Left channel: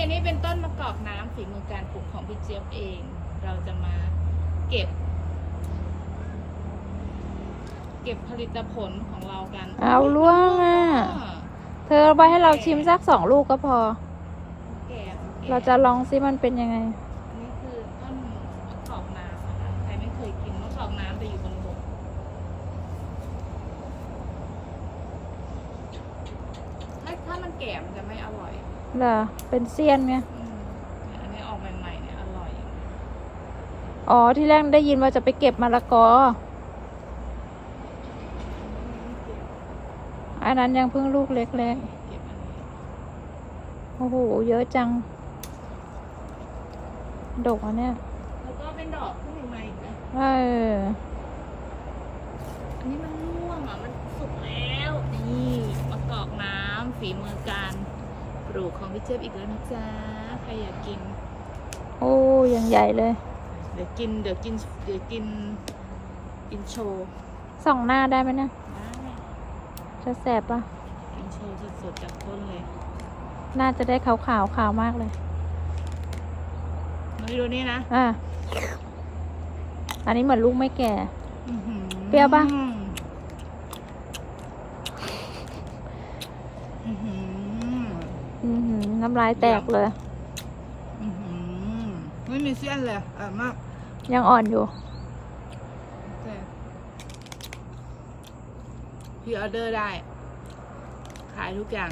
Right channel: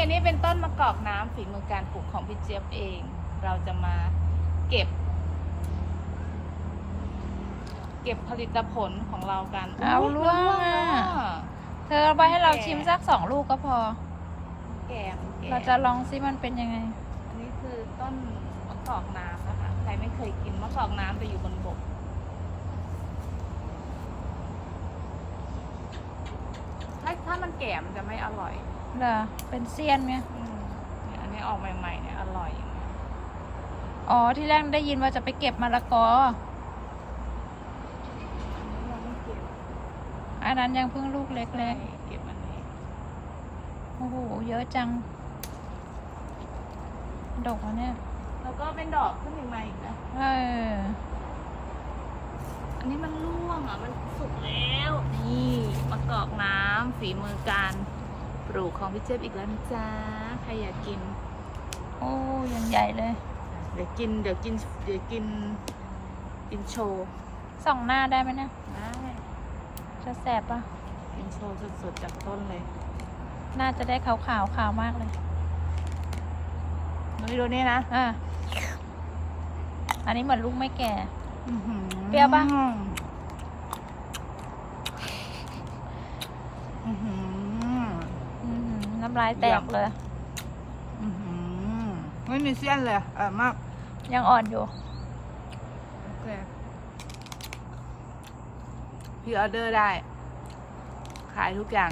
อันนี้เป็นต้นมะกอกน้ำฝีมือการปลูกของพี่เจี๊ยบเอง เราจะมาเก็บ เก็บผลิตผลของเรากันเอายล่วงอะแล้วอะเธอไว้ให้เราชิมสักสองลูกก็พอ แก่แก่ เราจะลองซิมันเป็นยังไง อันนี้คือต้นมะกอกน้ำนะคะ ใครไม่เคยกินมะกอกน้ำแต่อยู่บนบก ถ้าถ้ามันแก่มันจะไม่อร่อย เหรอเป็นเซียนไหมอืมเนี่ยอันนี้ออกใหม่ๆเนี่ยอร่อยอ๋อ ที่แรกได้ยินว่าจะไปเก็บมะละกอ อันนั้นยังเพิ่งลูกเล็กเก็บอันนี้ๆ โอ้โห เยอะจัง ดกอะเนี่ย แล้วก็เป็นดอกขึ้นอีกมาอีกนะเออ อันนี้มันร่วงอะมันสุกแล้ว นี่มะกอกน้ำฝีมือการ ปลูกของพี่เจี๊ยบอีกแล้วนะจ๊ะใครอยากกิน โอ้ยังใหญ่เลย เดี๋ยวกินเดี๋ยวกินเดี๋ยวกินกินโชว์ส่องหน้าได้ไหมเนี่ย ได้จะแสบปะกินโชว์สดๆจากต้นเลย น่าจะได้ขาวขาวๆขาวมากเลยมาดูนี่นะ อะอันนี้เหมือนลูกไม่แก่อื้อหือเปรี้ยวปะอื้อหืออือหือน้ำลายแตกเลย อื้อหือไม่มีเส้นเลยอร่อยมากยังอ่อนอยู่ โอเคพี่ออเดอร์ได้ ขายทุกอย่าง